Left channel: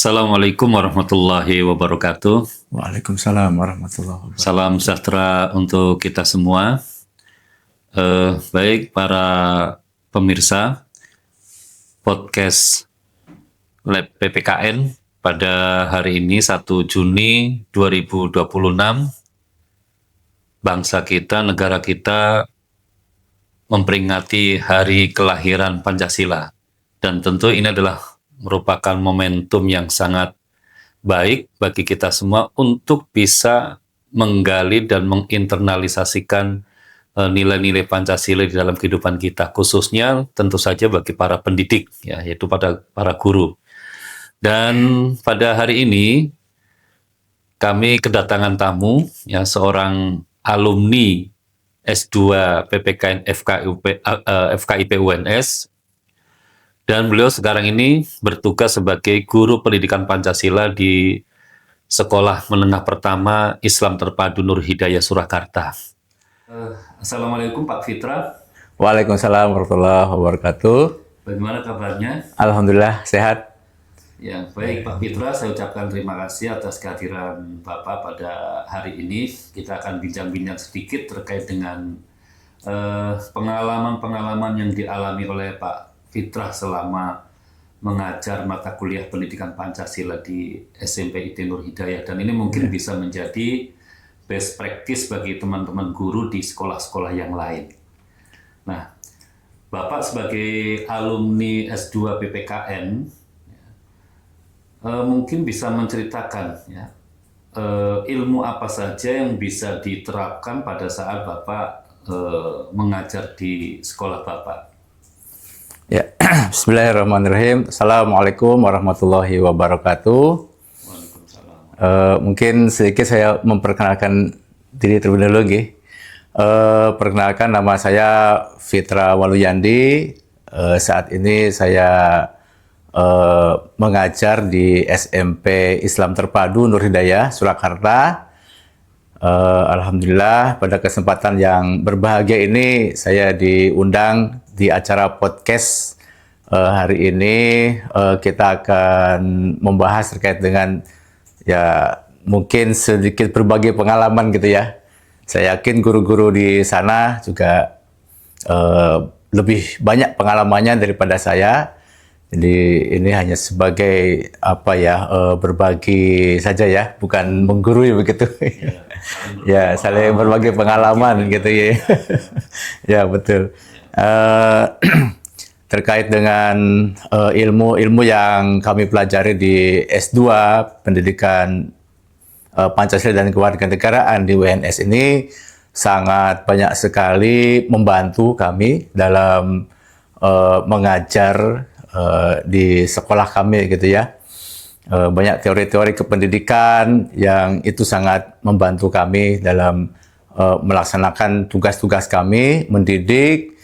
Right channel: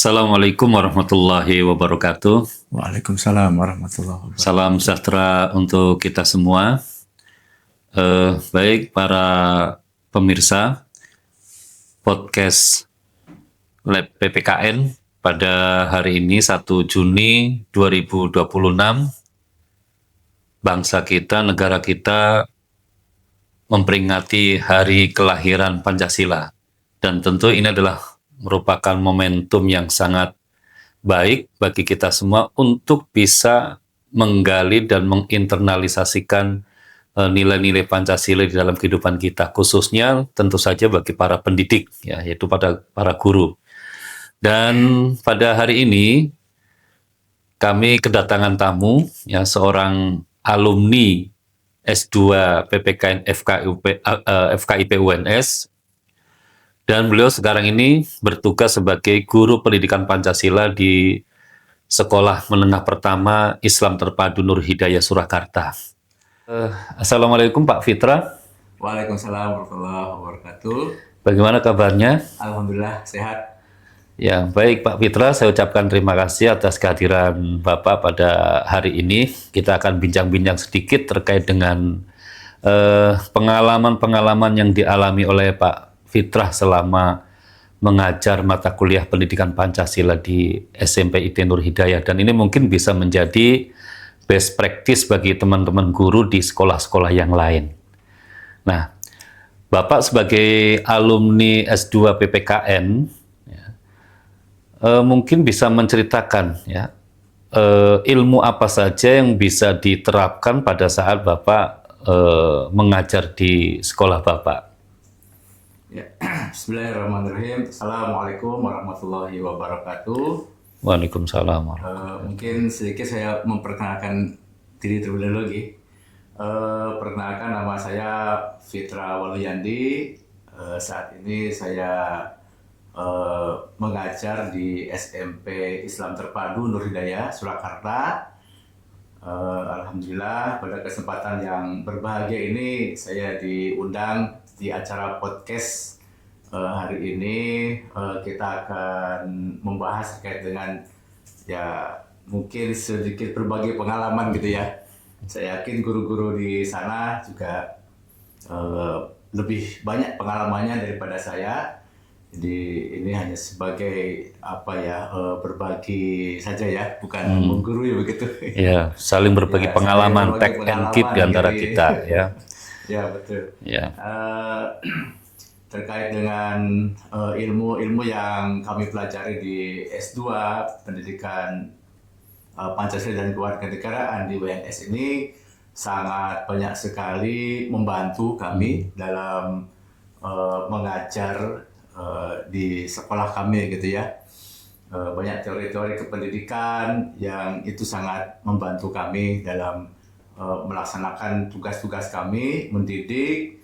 Assalamualaikum warahmatullahi wabarakatuh. Waalaikumsalam warahmatullahi wabarakatuh. Salam sejahtera untuk kita semua. Baik para pemirsa podcast Lab PPKN pada hari ini 1 Juni 2026, bangsa kita, negara kita memperingati hari kelahiran Pancasila. Dan tentu ini adalah merupakan momentum yang sangat baik bagi kita semua untuk bisa menggali dan menginternalisasikan nilai-nilai Pancasila di dalam kehidupan kita, khususnya tentu saja bagi para pendidik, ya, yaitu pada para guru. Dan pada hari ini kami kedatangan tamu, ya, seorang alumni S2 PPKN FKIP UNS, dan beliau sekarang ini bertugas sebagai guru pendidikan Pancasila di Sekolah Menengah Pertama Islam Terpadu Nur Hidayah Surakarta. Assalamualaikum Pak Fitra. Waalaikumsalam warahmatullahi wabarakatuh. Bagaimana kabarnya? Alhamdulillah sehat. Ya, baik Pak Fitra, saya ucapkan terima kasih atas kehadiran Bapak pada hari ini. Kita akan bincang-bincang sedikit terkait dengan pengalaman-pengalaman yang dialami oleh Pak Fitrah selama mengajar mata kuliah pendidikan Pancasila di SMP IT Nur Hidayah, dan ini mungkin bisa menjadi best practice bagi teman-teman guru di sekolah-sekolah yang lain. Nah, Bapak sebagai alumni S2 PPKN ya, mungkin bisa menceritakan ya, ilmu apa saja yang bisa diterapkan pada saat Bapak mengajar di sekolah Bapak. Ya, Bismillahirrahmanirrahim. Assalamualaikum warahmatullahi wabarakatuh. Waalaikumsalam. Mungkin sedikit saya memperkenalkan diri terlebih dahulu. Perkenalkan, nama saya Fitra Waluyandi. Saat ini saya mengajar di SMP Islam Terpadu Nur Hidayah Surakarta. Alhamdulillah pada kesempatan yang berbahagia ini saya diundang di acara podcast hari ini. Kita akan membahas terkait dengan ya mungkin sedikit berbagi pengalaman gitu ya. Saya yakin guru-guru di sana juga lebih banyak pengalamannya daripada saya. Jadi ini hanya sebagai apa ya, berbagi saja ya, bukan menggurui begitu. Ya, saling berbagi Ya, pengalaman, saling berbagi pengalaman di gitu antara ya. kita, ya. Ya betul. Ya. Terkait dengan ilmu-ilmu yang kami pelajari di S2 Pendidikan Pancasila dan Kewarganegaraan di UNS ini sangat banyak sekali membantu kami dalam mengajar di sekolah kami gitu ya. Banyak teori-teori kependidikan yang itu sangat membantu kami dalam melaksanakan tugas-tugas kami, mendidik,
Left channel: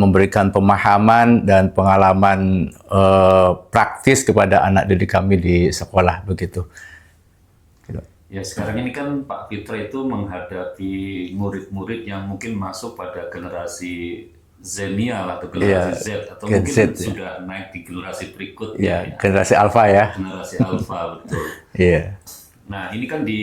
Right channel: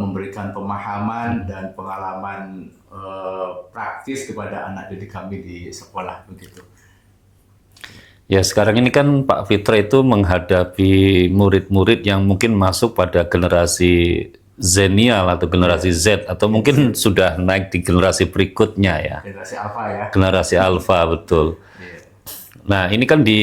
memberikan pemahaman dan pengalaman praktis kepada anak didik kami di sekolah begitu. Ya, sekarang ini kan Pak Fitra itu menghadapi murid-murid yang mungkin masuk pada generasi Zenial atau generasi Z, atau mungkin Z, sudah naik di generasi berikutnya ya. Generasi Alpha ya. Generasi Alpha, betul. Iya. Nah, ini kan di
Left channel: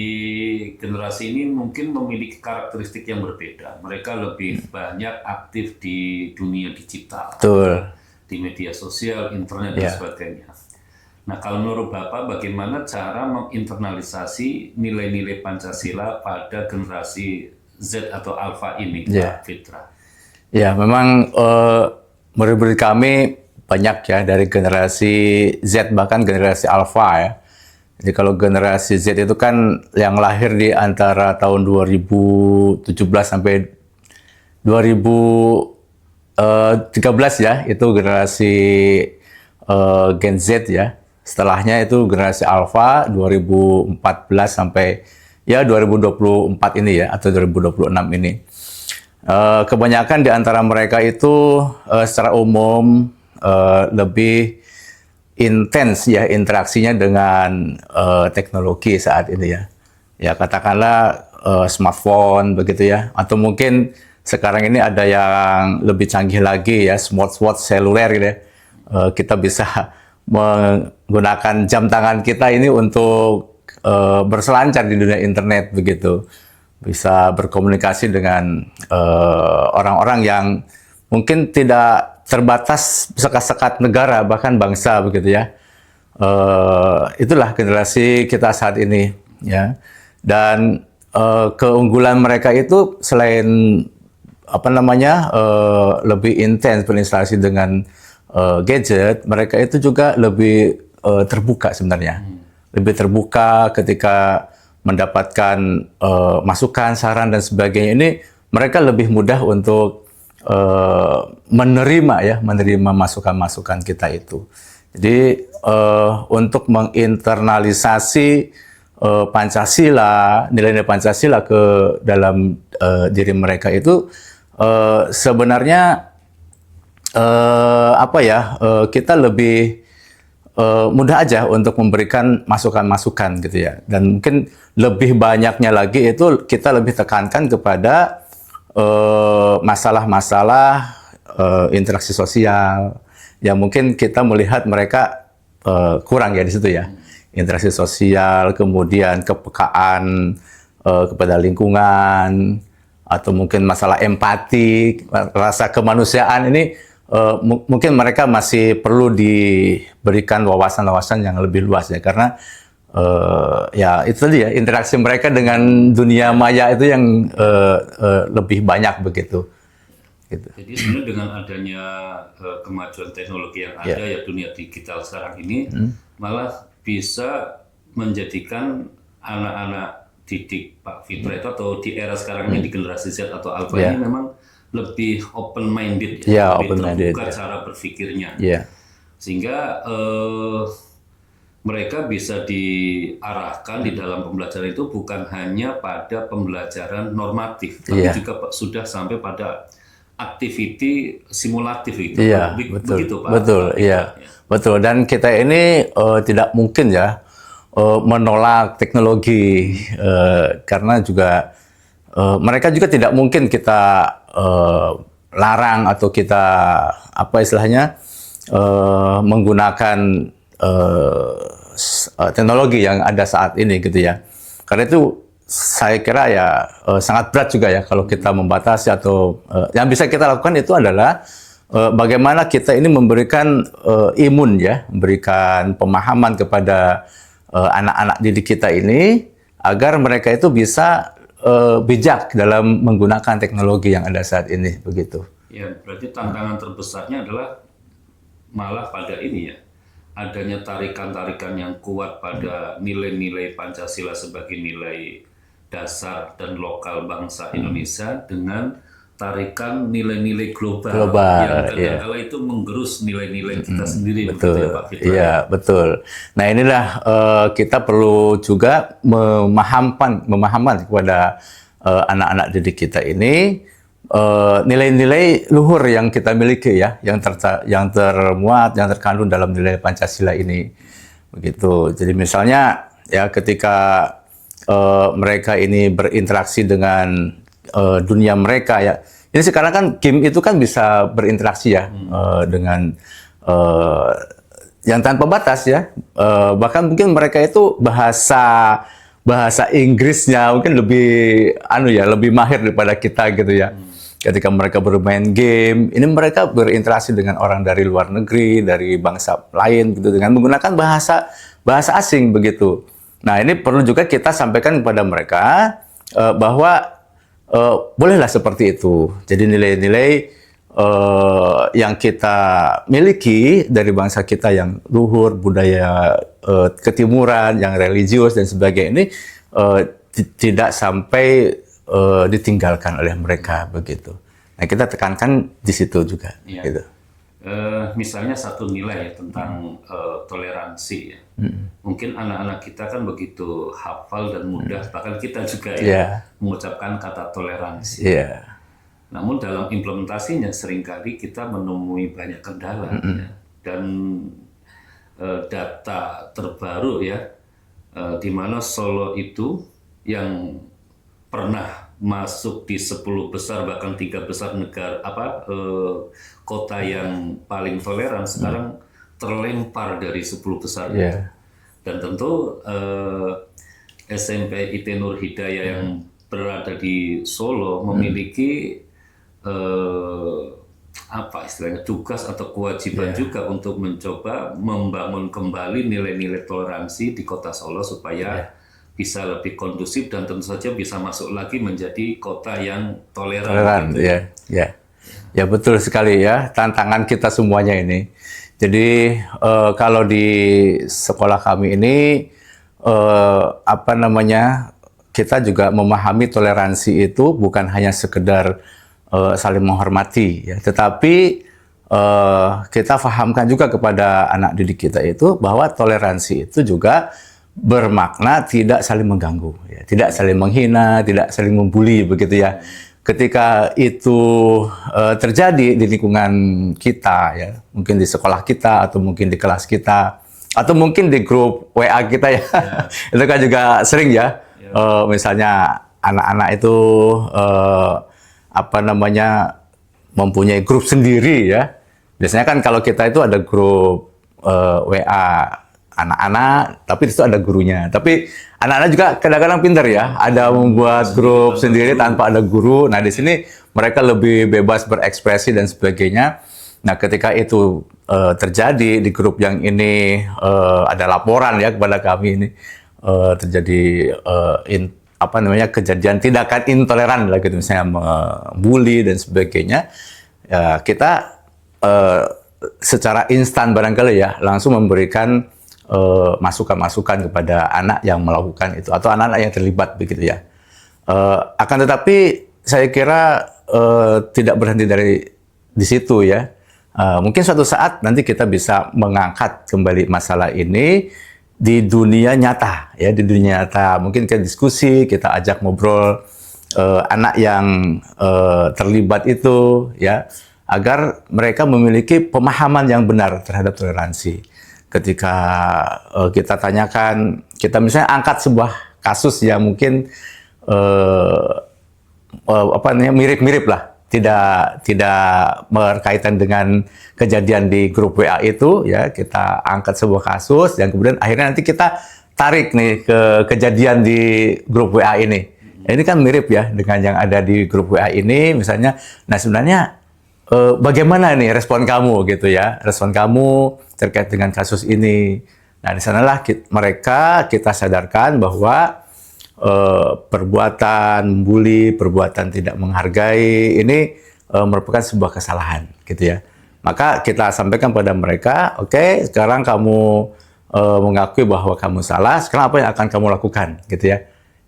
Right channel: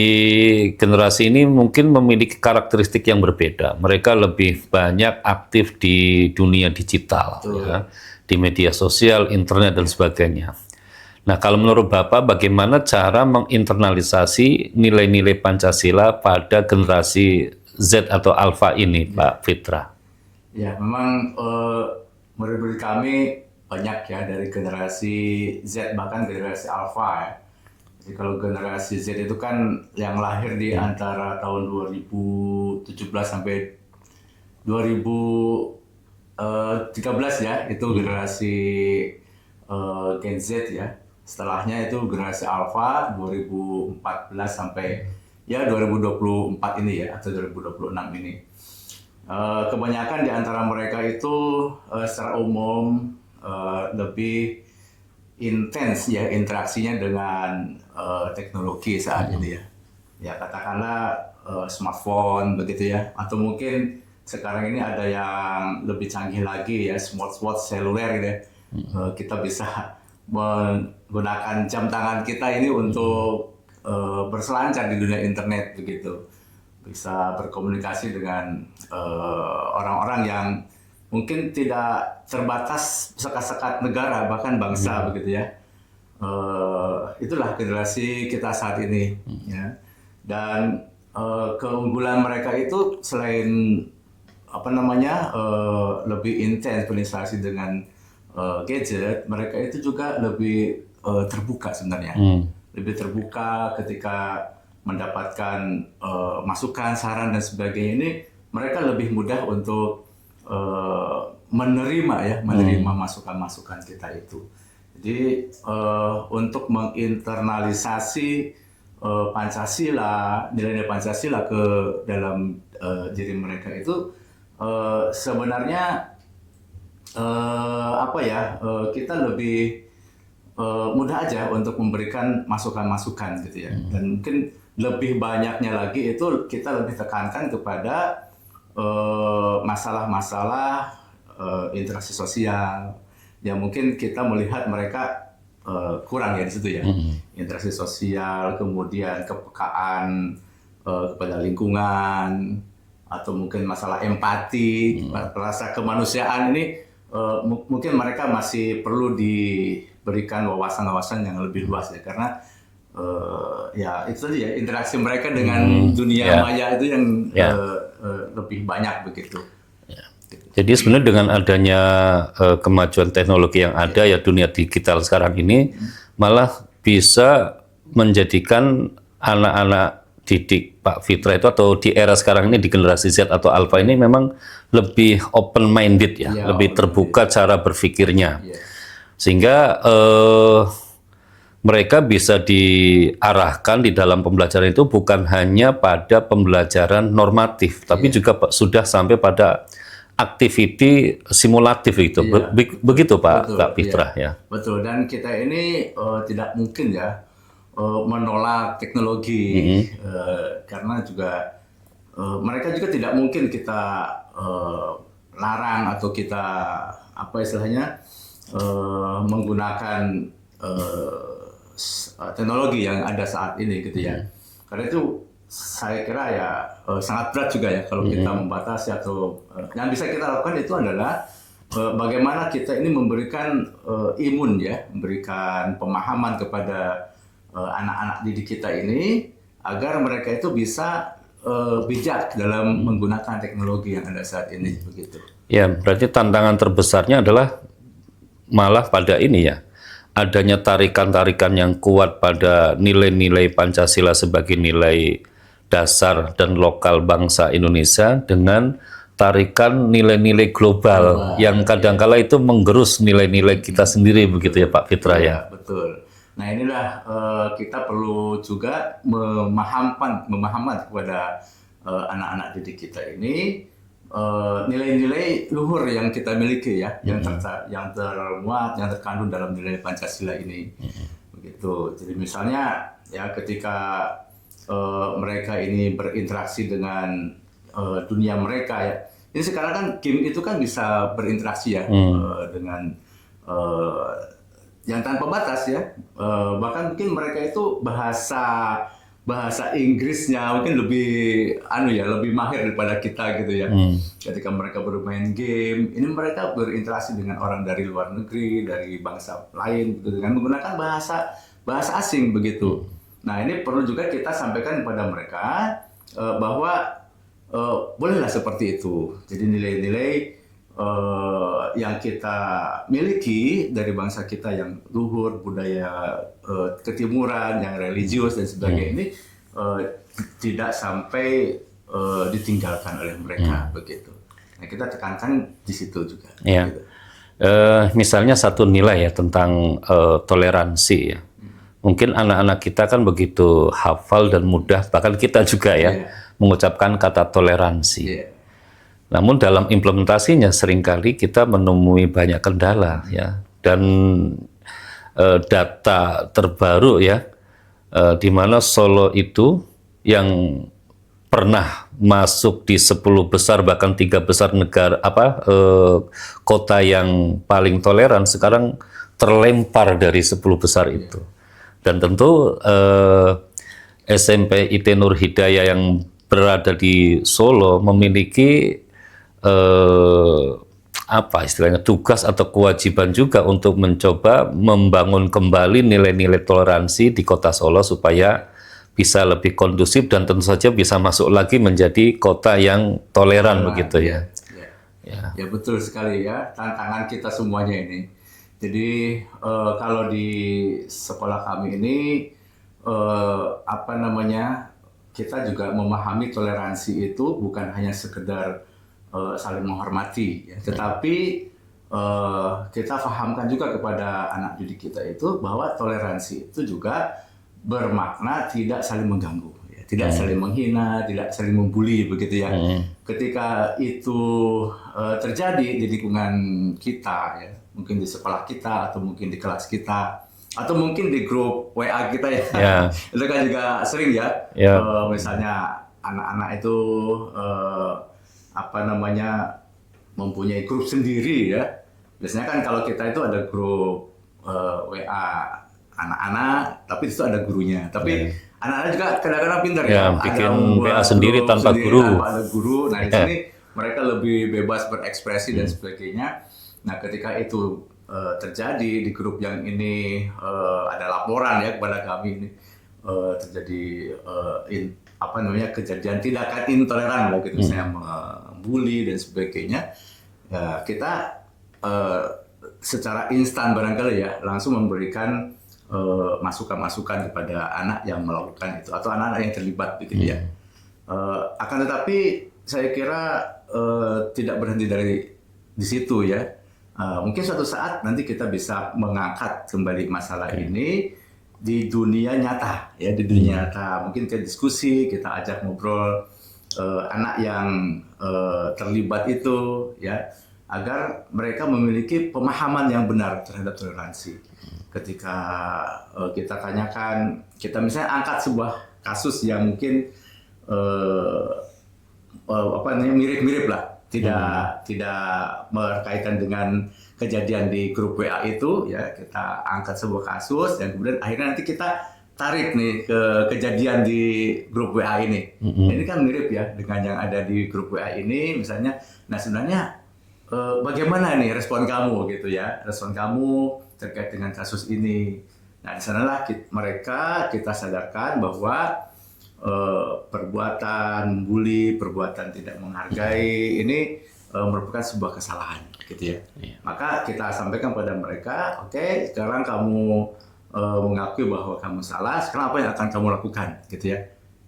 generasi ini mungkin memiliki karakteristik yang berbeda. Mereka lebih banyak aktif di dunia digital, Betul. di media sosial, internet, dan sebagainya. Nah, kalau menurut Bapak, bagaimana cara menginternalisasi nilai-nilai Pancasila pada generasi Z atau Alpha ini, Pak Fitra? Ya, memang murid-murid kami banyak ya, dari generasi Z bahkan generasi Alpha ya. Jadi kalau generasi Z itu kan yang lahir di antara tahun 2017 sampai 2013 ya, itu generasi Gen Z ya. Setelahnya itu generasi Alpha 2014 sampai ya 2024 ini ya, atau 2026 ini. Kebanyakan di antara mereka itu secara umum lebih intens ya interaksinya dengan teknologi saat ini ya. Ya katakanlah smartphone begitu ya, atau mungkin sekarang ini ada yang lebih canggih lagi ya, smartwatch seluler gitu ya. Kita bisa menggunakan jam tangan kita ini untuk berselancar di dunia internet begitu. Bisa berkomunikasi dengan orang-orang yang mungkin tidak terbatas sekat-sekat negara bahkan bangsa begitu ya. Itulah generasi kita saat ini ya. Dan keunggulan mereka itu selain lebih intens berinstalasi dengan gadget, mereka itu juga lebih terbuka sebenarnya. Lebih terbuka ketika mendapatkan masukan, saran dan sebagainya. Ini mereka lebih mudah untuk menerima masukan-masukan kita itu. Jadi untuk menginternalisasi Pancasila, nilai-nilai Pancasila ke dalam diri mereka itu sebenarnya kita lebih mudah aja untuk memberikan masukan-masukan gitu ya. Dan mungkin lebih banyaknya lagi itu kita lebih tekankan kepada masalah-masalah interaksi sosial yang mungkin kita melihat mereka kurang ya di situ ya. Interaksi sosial, kemudian kepekaan kepada lingkungan, atau mungkin masalah empati, rasa kemanusiaan ini mungkin mereka masih perlu diberikan wawasan-wawasan yang lebih luas ya, karena ya itu tadi ya, interaksi mereka dengan dunia maya itu yang lebih banyak begitu. Gitu. Jadi sebenarnya dengan adanya kemajuan teknologi yang ada ya dunia digital sekarang ini malah bisa menjadikan anak-anak didik Pak Fitra itu atau di era sekarang ini di generasi Z atau Alpha ini memang lebih open minded ya, lebih terbuka cara berpikirnya. Sehingga mereka bisa diarahkan di dalam pembelajaran itu bukan hanya pada pembelajaran normatif, tapi juga sudah sampai pada activity simulatif itu, begitu Pak Fitra ya. Betul. Dan kita ini tidak mungkin ya menolak teknologi karena juga mereka juga tidak mungkin kita larang atau kita menggunakan teknologi yang ada saat ini gitu ya. Karena itu saya kira ya sangat berat juga ya kalau kita membatasi atau yang bisa kita lakukan itu adalah bagaimana kita ini memberikan imun ya, memberikan pemahaman kepada anak-anak didik kita ini agar mereka itu bisa bijak dalam menggunakan teknologi yang ada saat ini begitu. Ya, berarti tantangan terbesarnya adalah malah pada ini ya, adanya tarikan-tarikan yang kuat pada nilai-nilai Pancasila sebagai nilai dasar dan lokal bangsa Indonesia dengan tarikan nilai-nilai global yang kadangkala itu menggerus nilai-nilai kita sendiri, begitu ya Pak Fitra ya. Betul. Nah inilah kita perlu juga memahamkan kepada anak-anak didik kita ini nilai-nilai luhur yang kita miliki ya, yang termuat, yang terkandung dalam nilai Pancasila ini. Begitu. Jadi misalnya ya ketika mereka ini berinteraksi dengan dunia mereka ya. Ini sekarang kan game itu kan bisa berinteraksi ya dengan yang tanpa batas ya. Bahkan mungkin mereka itu bahasa Inggrisnya mungkin lebih mahir daripada kita gitu ya. Ketika mereka bermain game, ini mereka berinteraksi dengan orang dari luar negeri, dari bangsa lain gitu dengan menggunakan bahasa asing begitu. Nah, ini perlu juga kita sampaikan kepada mereka bahwa bolehlah seperti itu. Jadi nilai-nilai yang kita miliki dari bangsa kita yang luhur, budaya ketimuran, yang religius dan sebagainya ini tidak sampai ditinggalkan oleh mereka begitu. Nah, kita tekankan di situ juga. Gitu. Misalnya satu nilai ya tentang toleransi ya. Mungkin anak-anak kita kan begitu hafal dan mudah, bahkan kita juga ya mengucapkan kata toleransi. Namun dalam implementasinya seringkali kita menemui banyak kendala ya. Dan data terbaru ya, di mana Solo itu yang pernah masuk di 10 besar bahkan 3 besar negara kota yang paling toleran sekarang terlempar dari 10 besar itu. Dan tentu SMP IT Nur Hidayah yang berada di Solo memiliki apa istilahnya tugas atau kewajiban juga untuk mencoba membangun kembali nilai-nilai toleransi di Kota Solo supaya bisa lebih kondusif dan tentu saja bisa masuk lagi menjadi kota yang toleran begitu ya. Ya betul sekali ya, tantangan kita semuanya ini. Jadi kalau di sekolah kami ini apa namanya, kita juga memahami toleransi itu bukan hanya sekedar saling menghormati, ya, tetapi kita fahamkan juga kepada anak didik kita itu bahwa toleransi itu juga bermakna tidak saling mengganggu, ya, tidak saling menghina, tidak saling membuli, begitu ya. Ketika itu terjadi di lingkungan kita, ya, mungkin di sekolah kita atau mungkin di kelas kita atau mungkin di grup WA kita ya, itu kan juga sering ya. Misalnya anak-anak itu apa namanya mempunyai grup sendiri ya. Biasanya kan kalau kita itu ada grup WA anak-anak, tapi di situ ada gurunya. Tapi anak-anak juga kadang-kadang pintar ya, ada membuat grup sendiri tanpa ada guru. Nah di sini mereka lebih bebas berekspresi dan sebagainya. Nah ketika itu terjadi di grup yang ini ada laporan ya kepada kami ini terjadi apa namanya kejadian tindakan intoleran lah gitu, misalnya membuli dan sebagainya, ya, kita secara instan barangkali ya langsung memberikan masukan-masukan kepada anak yang melakukan itu atau anak-anak yang terlibat begitu ya. Akan tetapi saya kira tidak berhenti dari di situ ya. Mungkin suatu saat nanti kita bisa mengangkat kembali masalah ini di dunia nyata ya, di dunia nyata mungkin kita diskusi, kita ajak ngobrol anak yang terlibat itu ya, agar mereka memiliki pemahaman yang benar terhadap toleransi. Ketika kita tanyakan, kita misalnya angkat sebuah kasus yang mungkin apa namanya mirip-mirip lah, tidak berkaitan dengan kejadian di grup WA itu ya, kita angkat sebuah kasus dan kemudian akhirnya nanti kita tarik nih ke kejadian di grup WA ini. Ini kan mirip ya dengan yang ada di grup WA ini misalnya. Nah sebenarnya bagaimana nih respon kamu gitu ya, respon kamu terkait dengan kasus ini. Nah di sanalah mereka kita sadarkan bahwa perbuatan membuli, perbuatan tidak menghargai ini merupakan sebuah kesalahan gitu ya. Maka kita sampaikan pada mereka, oke, sekarang kamu mengakui bahwa kamu salah, sekarang apa yang akan kamu lakukan gitu ya.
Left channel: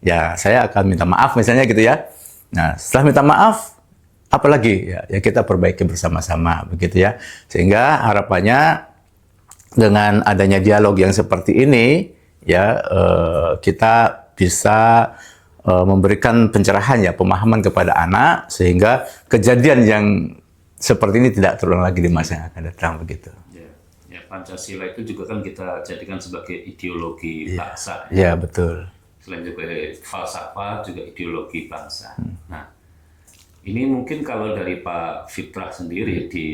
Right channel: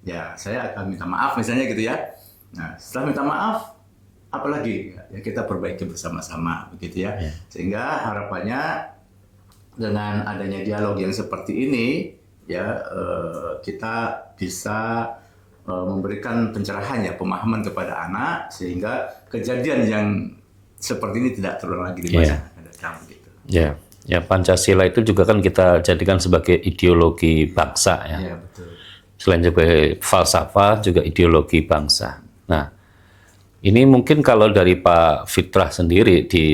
Ya, saya akan minta maaf misalnya gitu ya. Nah, setelah minta maaf, apa lagi? Ya kita perbaiki bersama-sama begitu ya. Sehingga harapannya dengan adanya dialog yang seperti ini ya, kita bisa memberikan pencerahan ya, pemahaman kepada anak sehingga kejadian yang seperti ini tidak terulang lagi di masa yang akan datang begitu. Ya, Pancasila itu juga kan kita jadikan sebagai ideologi bangsa ya. Ya, betul. Selain sebagai falsafah juga ideologi bangsa. Nah, ini mungkin kalau dari Pak Fitrah sendiri di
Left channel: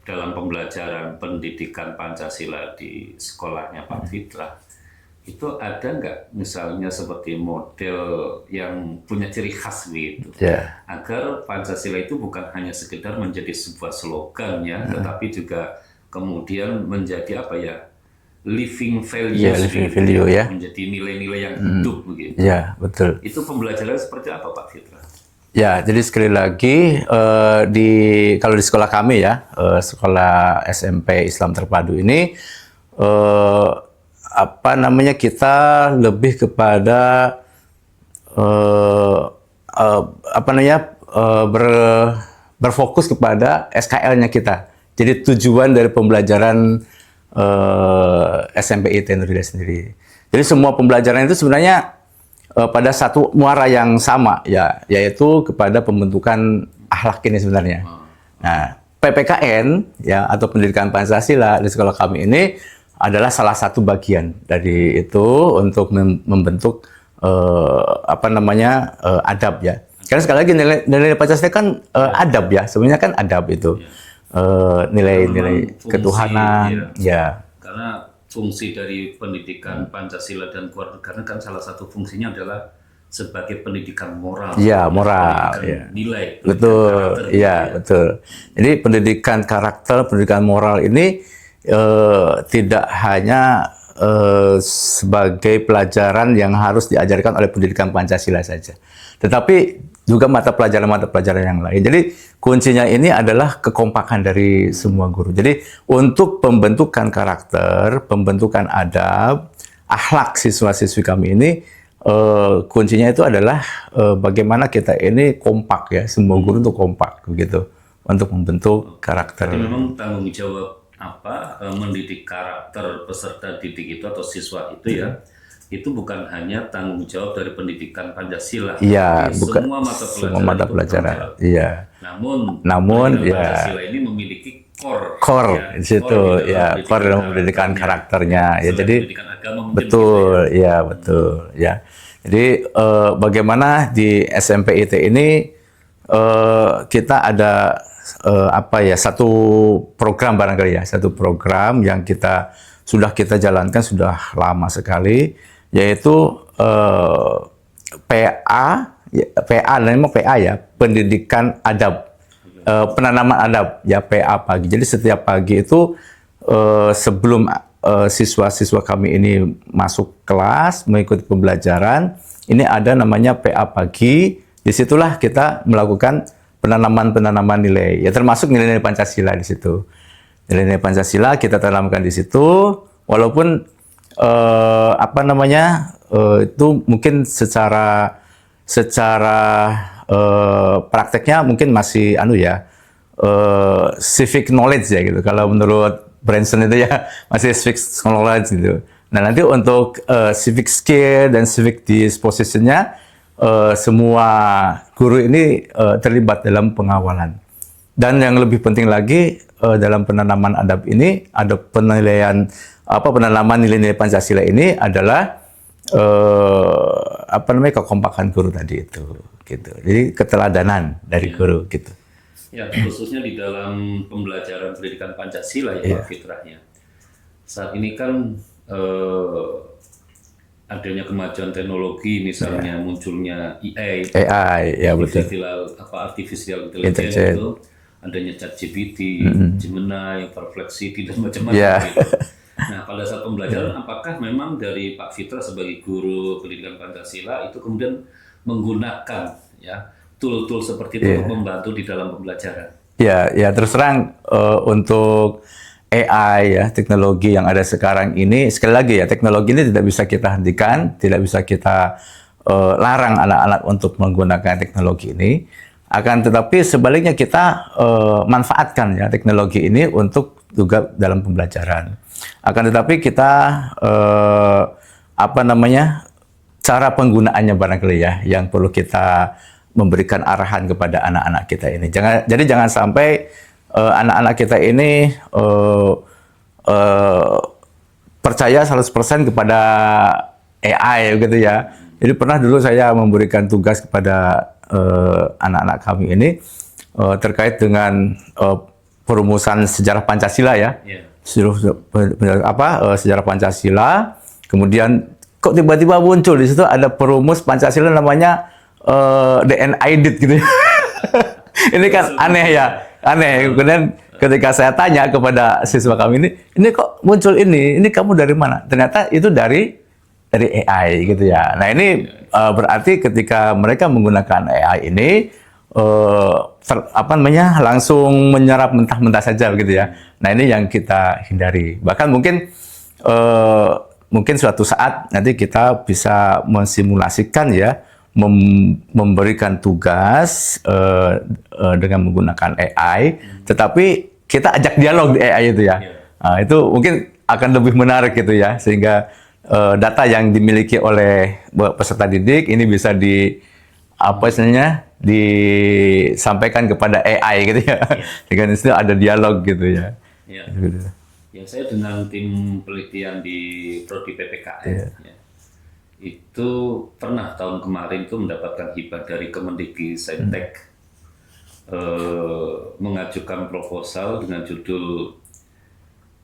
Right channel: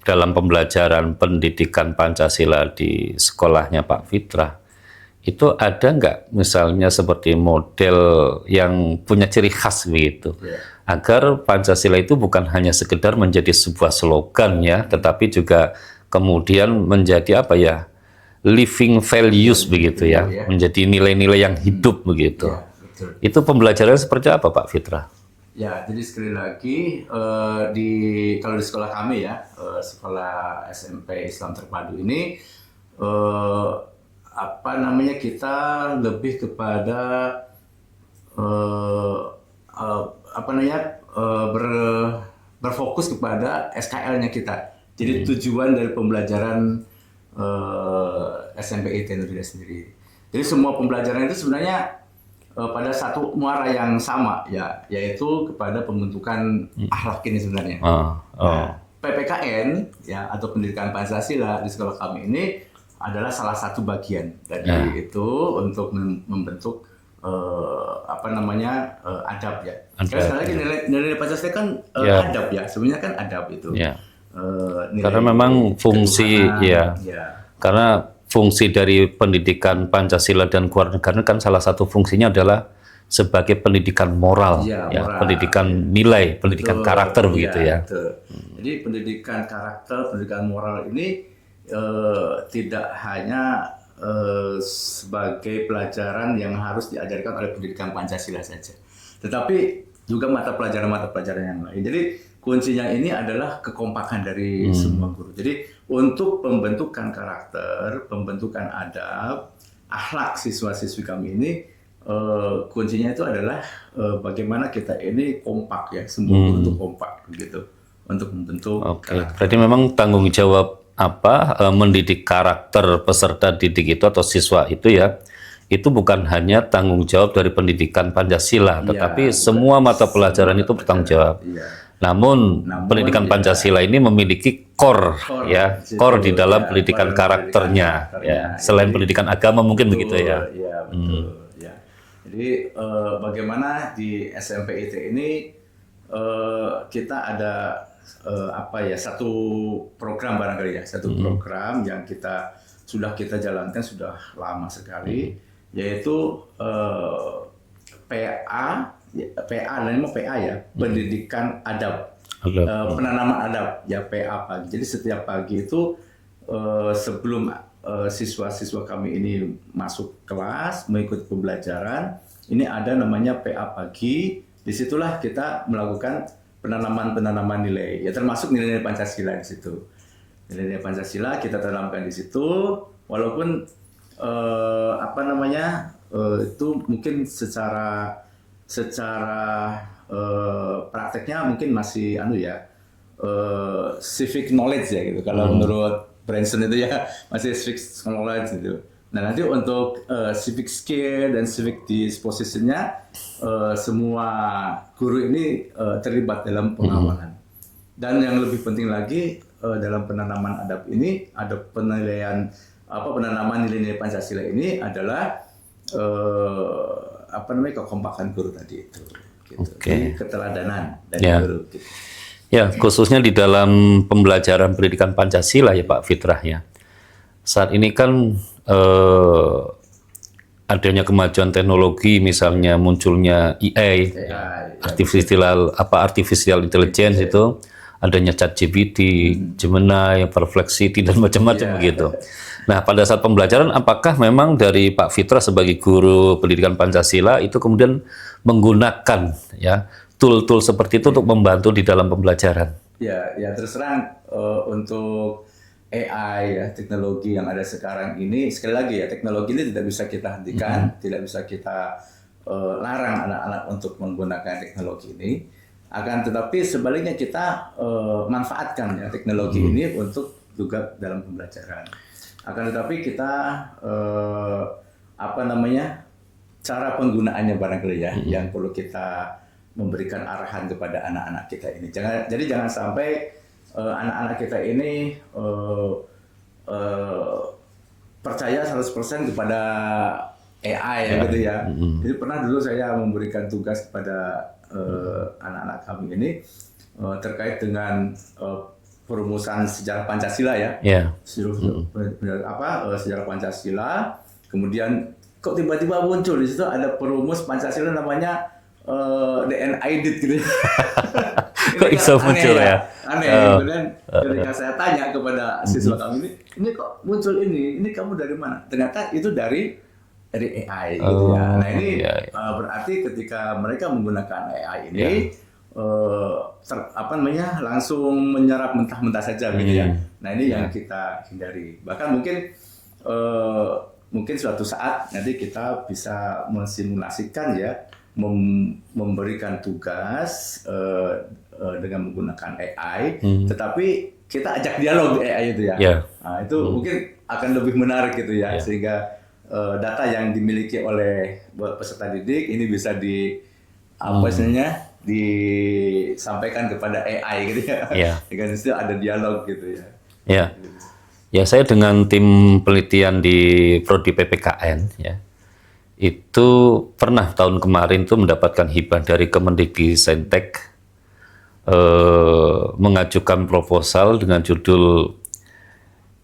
dalam pembelajaran pendidikan Pancasila di sekolahnya Pak Fitrah, itu ada nggak misalnya seperti model yang punya ciri khas begitu, agar Pancasila itu bukan hanya sekedar menjadi sebuah slogan ya, tetapi juga kemudian menjadi apa ya, living values begitu ya, menjadi nilai-nilai yang hidup begitu. Ya, betul. Itu pembelajaran seperti apa Pak Fitrah? Ya, jadi sekali lagi kalau di sekolah kami ya, sekolah SMP Islam Terpadu ini apa namanya, kita lebih kepada apa namanya berfokus kepada SKL-nya kita. Jadi tujuan dari pembelajaran SMP IT Nur Hidayah sendiri. Jadi semua pembelajaran itu sebenarnya pada satu muara yang sama ya, yaitu kepada pembentukan akhlak ini sebenarnya. Nah, PPKN ya atau Pendidikan Pancasila di sekolah kami ini adalah salah satu bagian dari itu untuk membentuk apa namanya adab ya. Karena sekali lagi nilai Pancasila kan adab ya, sebenarnya kan adab itu. nilai Karena memang fungsi ketuhanan. ya, karena fungsi dari pendidikan Pancasila dan kewarganegaraan kan salah satu fungsinya adalah sebagai pendidikan moral, Ya, moral. pendidikan nilai, pendidikan karakter begitu ya. Betul. Jadi pendidikan karakter, pendidikan moral ini tidak hanya sebagai pelajaran yang harus diajarkan oleh pendidikan Pancasila saja, tetapi juga mata pelajaran yang lain. Jadi kuncinya ini adalah kekompakan dari semua guru. Jadi untuk pembentukan karakter, pembentukan adab, akhlak siswa-siswi kami ini kuncinya itu adalah bagaimana kita ini kompak ya, semua guru untuk kompak begitu untuk membentuk karakter. Jadi memang tanggung jawab mendidik karakter peserta didik itu atau siswa itu ya, itu bukan hanya tanggung jawab dari pendidikan Pancasila, tetapi semua mata pelajaran itu bertanggung jawab. Iya. Namun pendidikan Pancasila ini memiliki core di dalam pendidikan karakternya. Selain pendidikan agama mungkin begitu ya. Iya, betul. Ya. Jadi bagaimana di SMPIT ini kita ada satu program barangkali ya, satu program yang sudah kita jalankan sudah lama sekali, yaitu PA ya, pendidikan adab, penanaman adab ya, PA pagi. Jadi setiap pagi itu sebelum siswa-siswa kami ini masuk kelas mengikuti pembelajaran, ini ada namanya PA pagi. Disitulah kita melakukan penanaman nilai, ya termasuk nilai-nilai Pancasila di situ. Nilai-nilai Pancasila kita tanamkan di situ, walaupun itu mungkin secara prakteknya mungkin masih civic knowledge ya gitu. Kalau menurut Branson itu ya masih civic knowledge gitu. Nah nanti untuk civic skill dan civic dispositionnya semua guru ini terlibat dalam pengawalan. Dan yang lebih penting lagi dalam penanaman adab ini ada penilaian penanaman nilai-nilai Pancasila ini adalah kekompakan guru tadi itu gitu. Jadi keteladanan dari guru gitu. Ya, khususnya di dalam pembelajaran pendidikan Pancasila ya Pak Fitrah ya. Saat ini kan adanya kemajuan teknologi, misalnya munculnya AI artificial intelligence itu, adanya ChatGPT, Gemini, Perplexity dan macam-macam gitu. Nah, pada saat pembelajaran apakah memang dari Pak Fitrah sebagai guru pendidikan Pancasila itu kemudian menggunakan ya tool-tool seperti itu untuk membantu di dalam pembelajaran? Ya terus terang untuk AI ya, teknologi yang ada sekarang ini, sekali lagi ya, teknologi ini tidak bisa kita hentikan, tidak bisa kita larang anak-anak untuk menggunakan teknologi ini. Akan tetapi sebaliknya kita manfaatkan ya teknologi ini untuk juga dalam pembelajaran. Akan tetapi kita cara penggunaannya barangkali ya yang perlu kita memberikan arahan kepada anak-anak kita ini. Jadi jangan sampai anak-anak kita ini percaya 100% kepada AI gitu ya. Jadi pernah dulu saya memberikan tugas kepada anak-anak kami ini terkait dengan perumusan sejarah Pancasila ya. Sejarah Pancasila. Kemudian kok tiba-tiba muncul di situ ada perumus Pancasila namanya DNID gitu. Ini kan aneh ya. Aneh. Kemudian ketika saya tanya kepada siswa kami ini kok muncul ini kamu dari mana? Ternyata itu dari AI gitu ya. Nah ini berarti ketika mereka menggunakan AI ini langsung menyerap mentah-mentah saja gitu ya. Nah ini yang kita hindari. Bahkan mungkin suatu saat nanti kita bisa mensimulasikan ya, memberikan tugas dengan menggunakan AI, tetapi kita ajak dialog di AI itu ya. Nah, itu mungkin akan lebih menarik gitu ya, sehingga data yang dimiliki oleh peserta didik ini bisa disampaikan kepada AI gitu ya. Dengan istilah ada dialog gitu ya. Ya, saya dengan tim penelitian di Prodi PPKN ya. Itu pernah tahun kemarin tuh mendapatkan hibah dari Kemendikbudristek mengajukan proposal dengan judul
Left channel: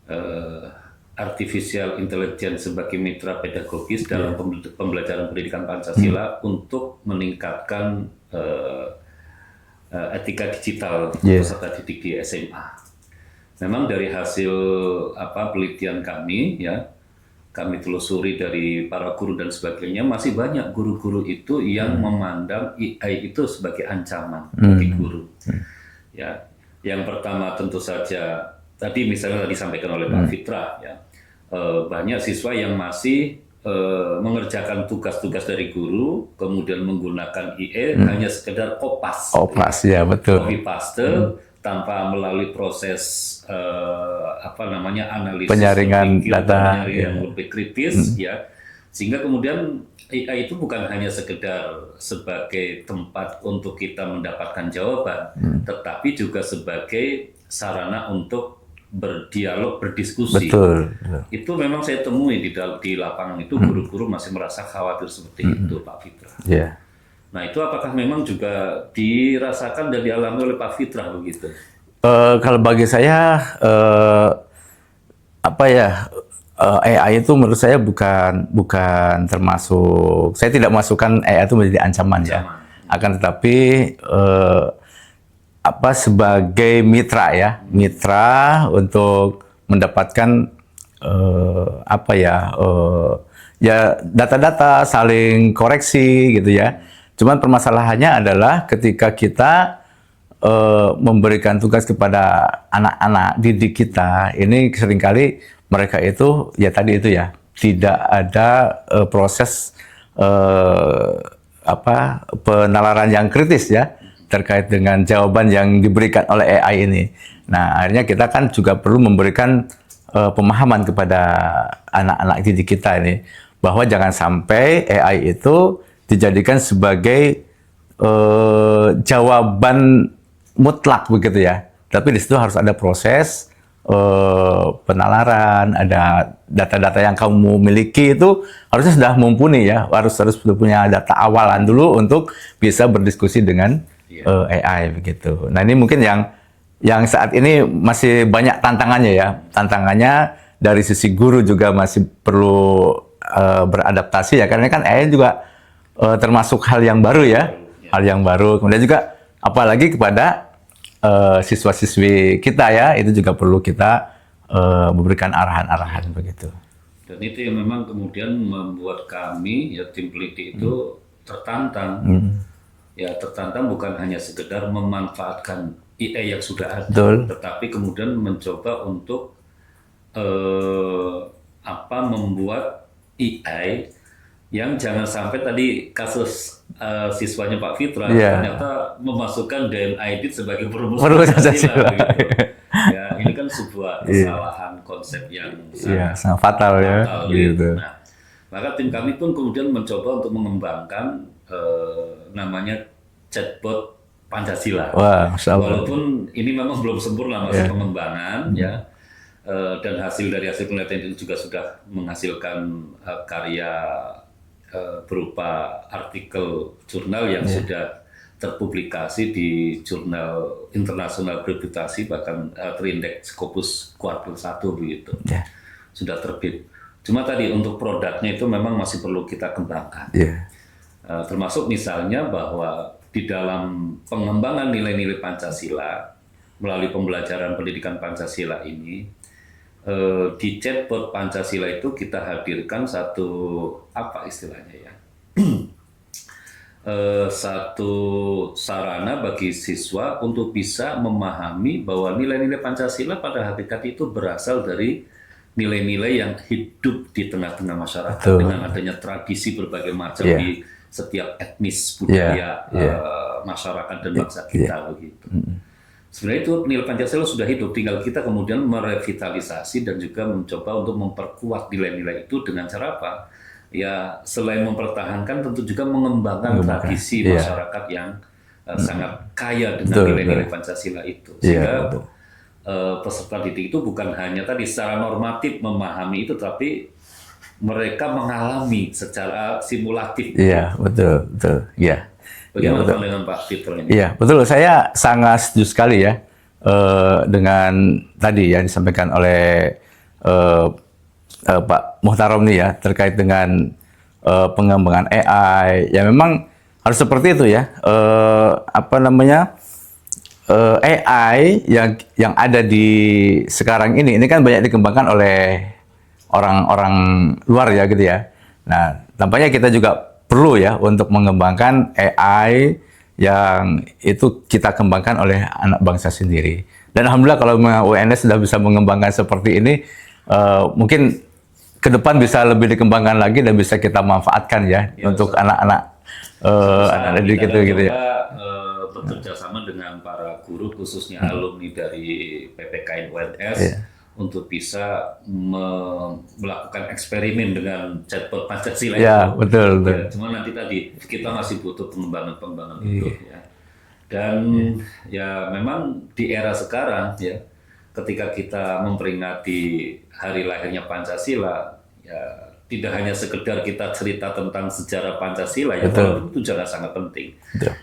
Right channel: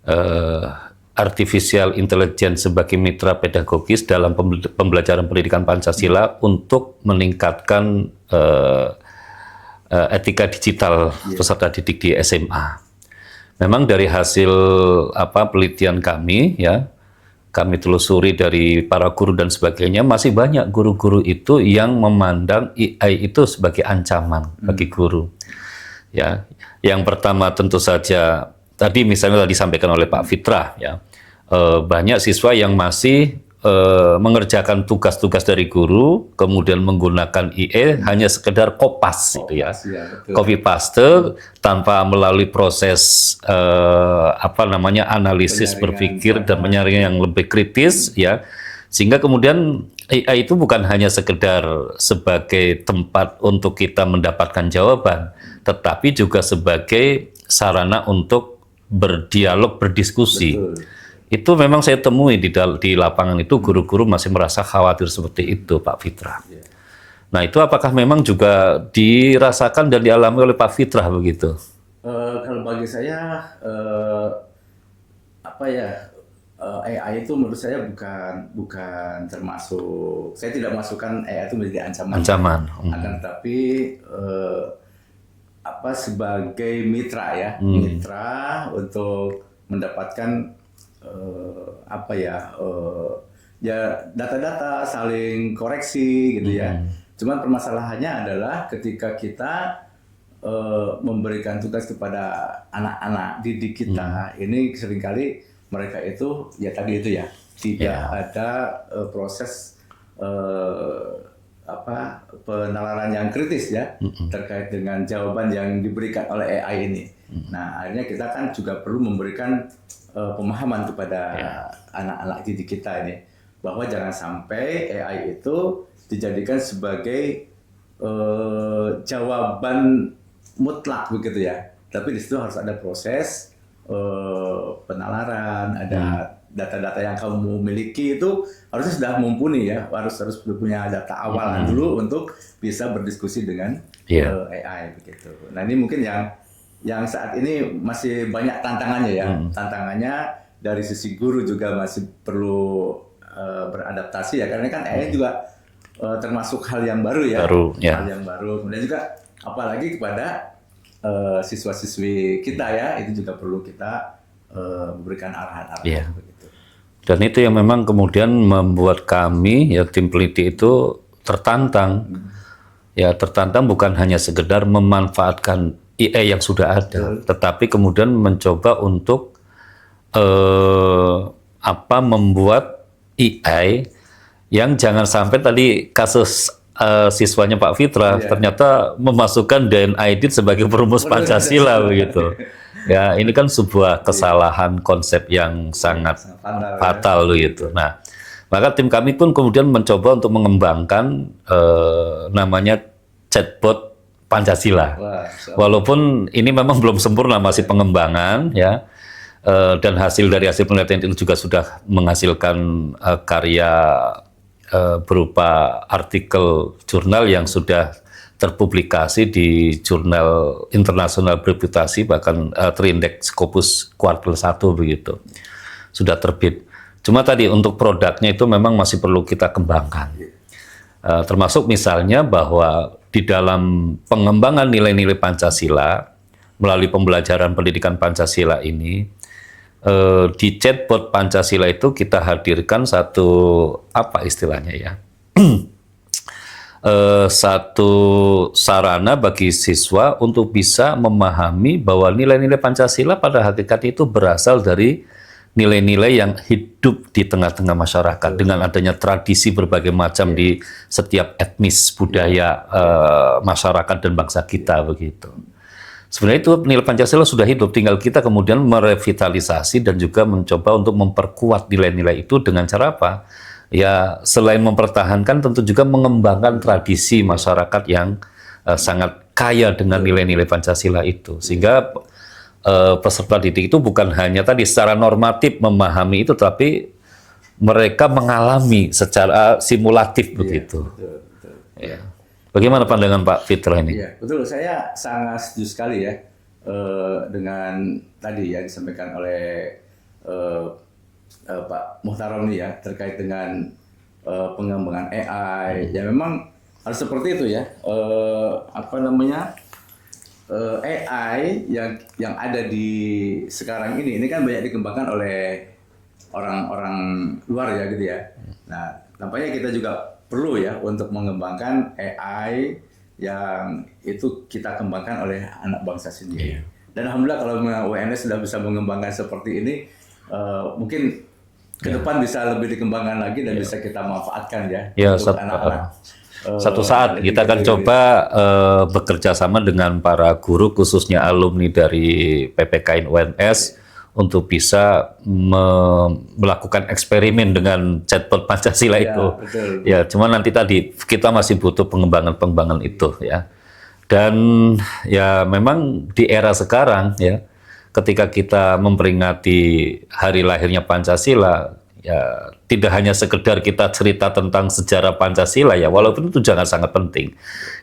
eh, Artificial Intelligence sebagai mitra pedagogis dalam pembelajaran pendidikan Pancasila untuk meningkatkan etika digital peserta didik di SMA. Memang dari hasil penelitian kami, ya, kami telusuri dari para guru dan sebagainya, masih banyak guru-guru itu yang memandang AI itu sebagai ancaman bagi guru. Ya, yang pertama tentu saja tadi misalnya disampaikan oleh Pak Fitra, ya, banyak siswa yang masih mengerjakan tugas-tugas dari guru, kemudian menggunakan IE hanya sekedar kopas, ya, betul. copy paste tanpa melalui proses analisis berpikir dan penyaringan yang lebih kritis, ya, sehingga kemudian AI itu bukan hanya sekedar sebagai tempat untuk kita mendapatkan jawaban, tetapi juga sebagai sarana untuk berdialog, berdiskusi. Betul. Itu memang saya temui di lapangan itu, guru-guru masih merasa khawatir seperti itu, Pak Fitra. Yeah. Nah, itu apakah memang juga dirasakan dan dialami oleh Pak Fitra begitu? Kalau bagi saya AI itu menurut saya bukan termasuk, saya tidak masukkan AI itu menjadi ancaman. Ya. Akan tetapi sebagai mitra, ya, mitra untuk mendapatkan data-data, saling koreksi gitu ya. Cuman permasalahannya adalah ketika kita memberikan tugas kepada anak-anak didik kita, ini seringkali mereka itu ya tadi itu ya tidak ada proses penalaran yang kritis ya terkait dengan jawaban yang diberikan oleh AI ini. Nah, akhirnya kita kan juga perlu memberikan pemahaman kepada anak-anak didik kita ini bahwa jangan sampai AI itu dijadikan sebagai jawaban mutlak begitu ya. Tapi di situ harus ada proses penalaran, ada data-data yang kamu miliki itu harusnya sudah mumpuni ya, harus sudah punya data awalan dulu untuk bisa berdiskusi dengan AI begitu. Nah, ini mungkin yang saat ini masih banyak tantangannya ya. Tantangannya dari sisi guru juga masih perlu beradaptasi ya, karena kan AI juga termasuk hal yang baru ya, hal yang baru. Kemudian juga apalagi kepada siswa-siswi kita ya, itu juga perlu kita memberikan arahan-arahan begitu. Dan itu yang memang kemudian membuat kami ya tim peneliti itu tertantang. Ya, tertantang bukan hanya sekedar memanfaatkan AI yang sudah ada, tetapi kemudian mencoba untuk membuat AI yang jangan sampai tadi kasus siswanya Pak Fitra ternyata memasukkan DNA itu sebagai perumus Pancasila begitu. Ya, ini kan sebuah kesalahan konsep yang sangat fatal gitu. Nah, maka tim kami pun kemudian mencoba untuk mengembangkan namanya chatbot Pancasila. Walaupun ini memang belum sempurna, masih pengembangan ya. Dan hasil penelitian itu juga sudah menghasilkan karya berupa artikel jurnal yang sudah terpublikasi di jurnal internasional bereputasi, bahkan terindeks Scopus kuartil 1 begitu. Sudah terbit. Cuma tadi untuk produknya itu memang masih perlu kita kembangkan. Termasuk misalnya bahwa di dalam pengembangan nilai-nilai Pancasila melalui pembelajaran pendidikan Pancasila ini, di chatbot Pancasila itu kita hadirkan satu istilahnya ya satu sarana bagi siswa untuk bisa memahami bahwa nilai-nilai Pancasila pada hakikatnya itu berasal dari nilai-nilai yang hidup di tengah-tengah masyarakat dengan adanya tradisi berbagai macam di setiap etnis budaya masyarakat dan bangsa kita begitu. Sebenarnya itu nilai Pancasila sudah hidup, tinggal kita kemudian merevitalisasi dan juga mencoba untuk memperkuat nilai-nilai itu dengan cara apa? Ya, selain mempertahankan tentu juga mengembangkan tradisi masyarakat yang sangat kaya dengan nilai-nilai Pancasila itu. Sehingga peserta didik itu bukan hanya tadi secara normatif memahami itu, tapi mereka mengalami secara simulatif begitu. Betul. Ya. Bagaimana pandangan Pak Fitra ini? Iya, betul. Saya sangat setuju sekali ya dengan tadi yang disampaikan oleh Pak Muhtarom nih ya terkait dengan pengembangan AI. Ya memang harus seperti itu ya. AI yang ada di sekarang ini kan banyak dikembangkan oleh orang-orang luar ya gitu ya. Nah, tampaknya kita juga perlu ya untuk mengembangkan AI yang itu kita kembangkan oleh anak bangsa sendiri. Dan alhamdulillah kalau UNS sudah bisa mengembangkan seperti ini, mungkin ke depan bisa lebih dikembangkan lagi dan bisa kita manfaatkan ya, untuk anak-anak. Satu saat kita akan gitu coba bekerja sama dengan para guru, khususnya alumni dari PPKN UNS, untuk bisa melakukan eksperimen dengan chatbot Pancasila itu. Betul. Ya, cuma nanti tadi kita masih butuh pengembangan itu ya. Dan ya memang di era sekarang ya, ketika kita memperingati hari lahirnya Pancasila, ya tidak hanya sekedar kita cerita tentang sejarah Pancasila ya, walaupun itu jangan sangat penting.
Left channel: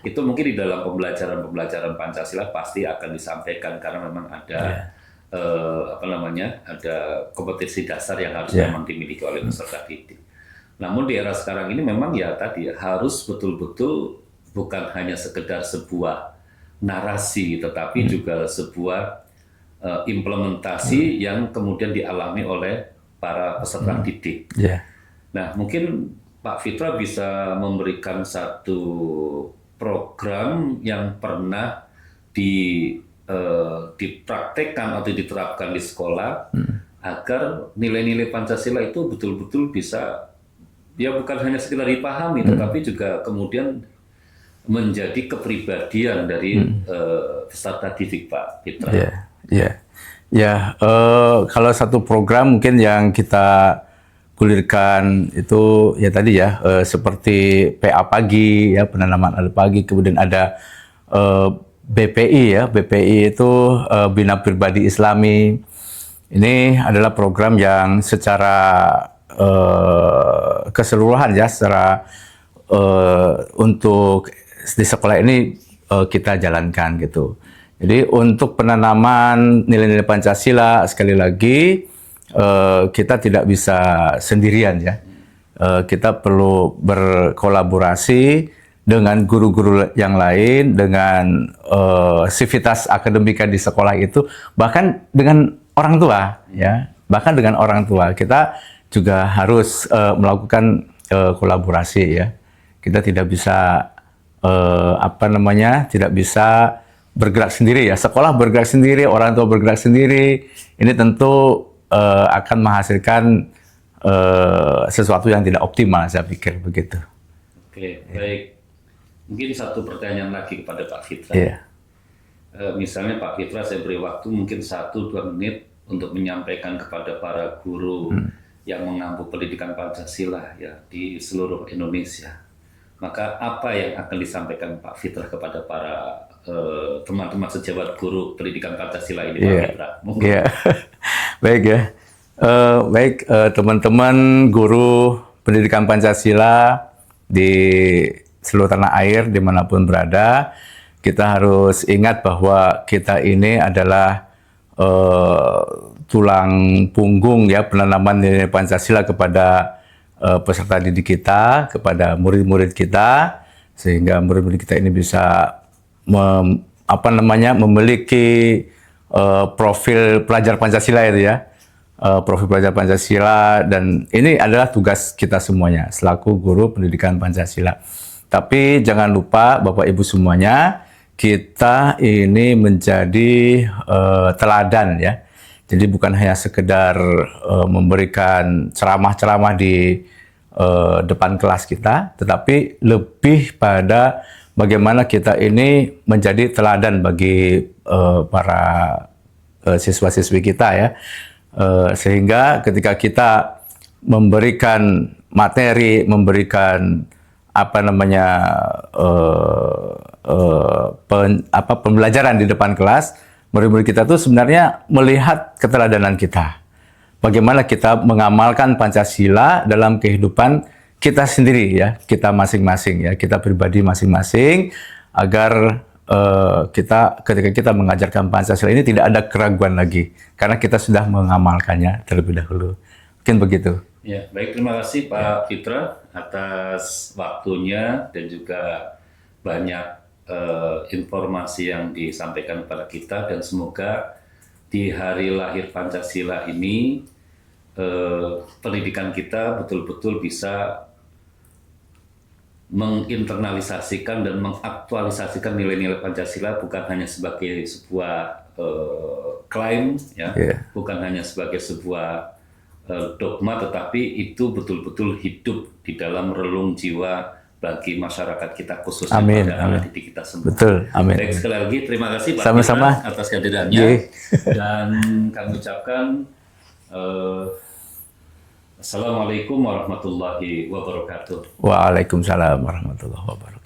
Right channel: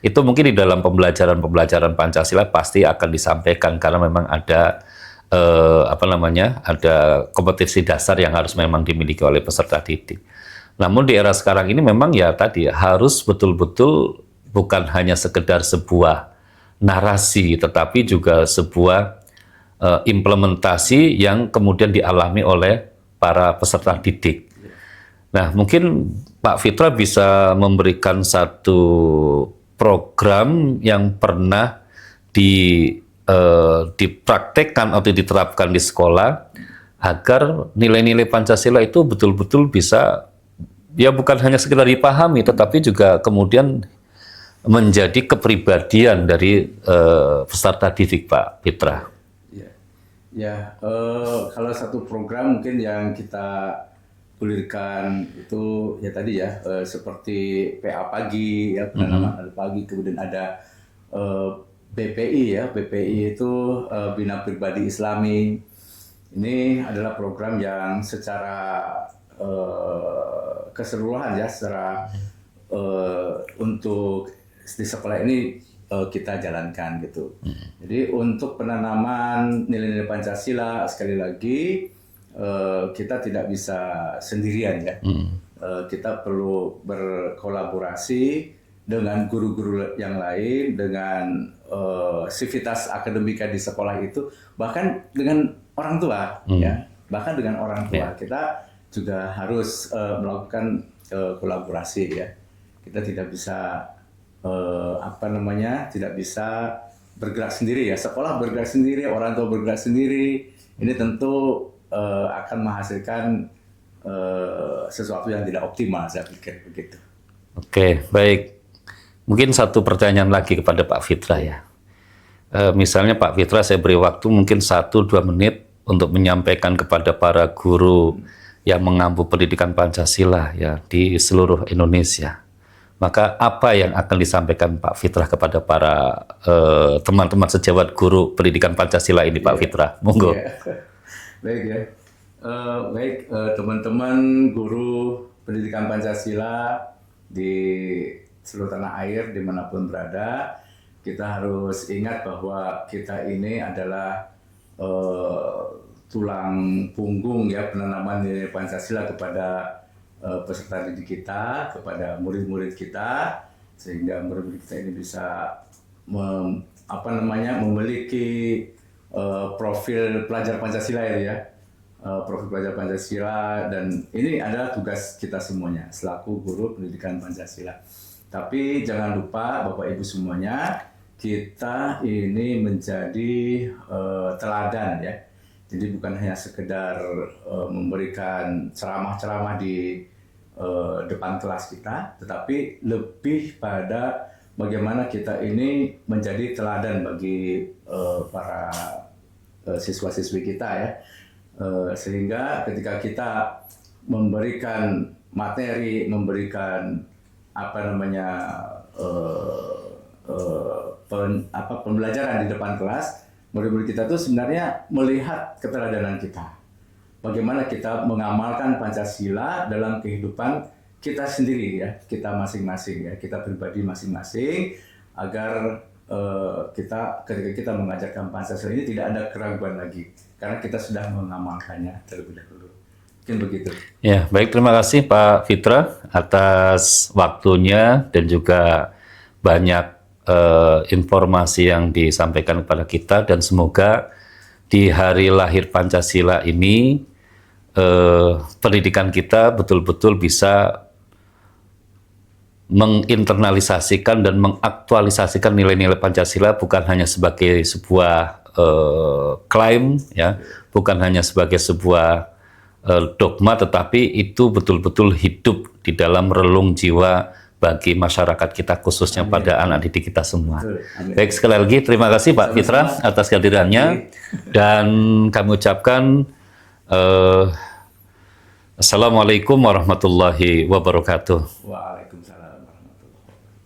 Itu mungkin di dalam pembelajaran Pancasila pasti akan disampaikan karena memang ada ada kompetensi dasar yang harus memang dimiliki oleh peserta didik. Namun di era sekarang ini memang ya tadi harus betul-betul bukan hanya sekedar sebuah narasi, tetapi juga sebuah implementasi yang kemudian dialami oleh para peserta didik. Nah, mungkin Pak Fitra bisa memberikan satu program yang pernah dipraktekkan atau diterapkan di sekolah agar nilai-nilai Pancasila itu betul-betul bisa ya bukan hanya sekedar dipahami tetapi juga kemudian menjadi kepribadian dari peserta didik, Pak Fitra. Kalau satu program mungkin yang kita gulirkan itu ya tadi ya seperti PA pagi ya, penanaman ada pagi, kemudian ada BPI ya, BPI itu Bina Pribadi Islami. Ini adalah program yang secara keseluruhan ya, secara untuk di sekolah ini kita jalankan gitu. Jadi untuk penanaman nilai-nilai Pancasila sekali lagi kita tidak bisa sendirian ya. Kita perlu berkolaborasi dengan guru-guru yang lain, dengan sivitas akademika di sekolah itu, bahkan dengan orang tua, ya, bahkan dengan orang tua kita juga harus melakukan kolaborasi ya. Kita tidak bisa tidak bisa bergerak sendiri ya. Sekolah bergerak sendiri, orang tua bergerak sendiri. Ini tentu akan menghasilkan sesuatu yang tidak optimal, saya pikir begitu. Oke, baik. Mungkin satu pertanyaan lagi kepada Pak Fitra. Misalnya Pak Fitra, saya beri waktu mungkin 1-2 menit untuk menyampaikan kepada para guru yang mengampu pendidikan Pancasila ya di seluruh Indonesia. Maka apa yang akan disampaikan Pak Fitra kepada para teman-teman sejawat guru pendidikan Pancasila ini, Pak Fitra? Monggo. Baik ya. Teman-teman guru pendidikan Pancasila di seluruh tanah air dimanapun berada, kita harus ingat bahwa kita ini adalah tulang punggung ya penanaman nilai Pancasila kepada peserta didik kita, kepada murid-murid kita, sehingga murid-murid kita ini bisa memiliki profil pelajar Pancasila itu ya, profil pelajar Pancasila, dan ini adalah tugas kita semuanya selaku guru pendidikan Pancasila. Tapi jangan lupa Bapak Ibu semuanya, kita ini menjadi teladan ya. Jadi bukan hanya sekedar memberikan ceramah-ceramah di depan kelas kita, tetapi lebih pada bagaimana kita ini menjadi teladan bagi para siswa-siswi kita ya. Sehingga ketika kita memberikan materi, memberikan pembelajaran di depan kelas, murid-murid kita tuh sebenarnya melihat keteladanan kita. Bagaimana kita mengamalkan Pancasila dalam kehidupan kita sendiri ya, kita masing-masing ya, kita pribadi masing-masing agar kita ketika kita mengajarkan Pancasila ini tidak ada keraguan lagi karena kita sudah mengamalkannya terlebih dahulu. Mungkin begitu. Ya, baik, terima kasih Pak Fitra atas waktunya dan juga banyak informasi yang disampaikan kepada kita, dan semoga di hari lahir Pancasila ini pendidikan kita betul-betul bisa menginternalisasikan dan mengaktualisasikan nilai-nilai Pancasila bukan hanya sebagai sebuah klaim ya, bukan hanya sebagai sebuah dogma, tetapi itu betul-betul hidup di dalam relung jiwa bagi masyarakat kita, khususnya pada anak didik kita semua. Betul. Amin. Baik, sekali lagi terima kasih Pak Fitra atas kehadirannya, dan kami ucapkan Assalamualaikum warahmatullahi wabarakatuh. Waalaikumsalam warahmatullahi wabarakatuh.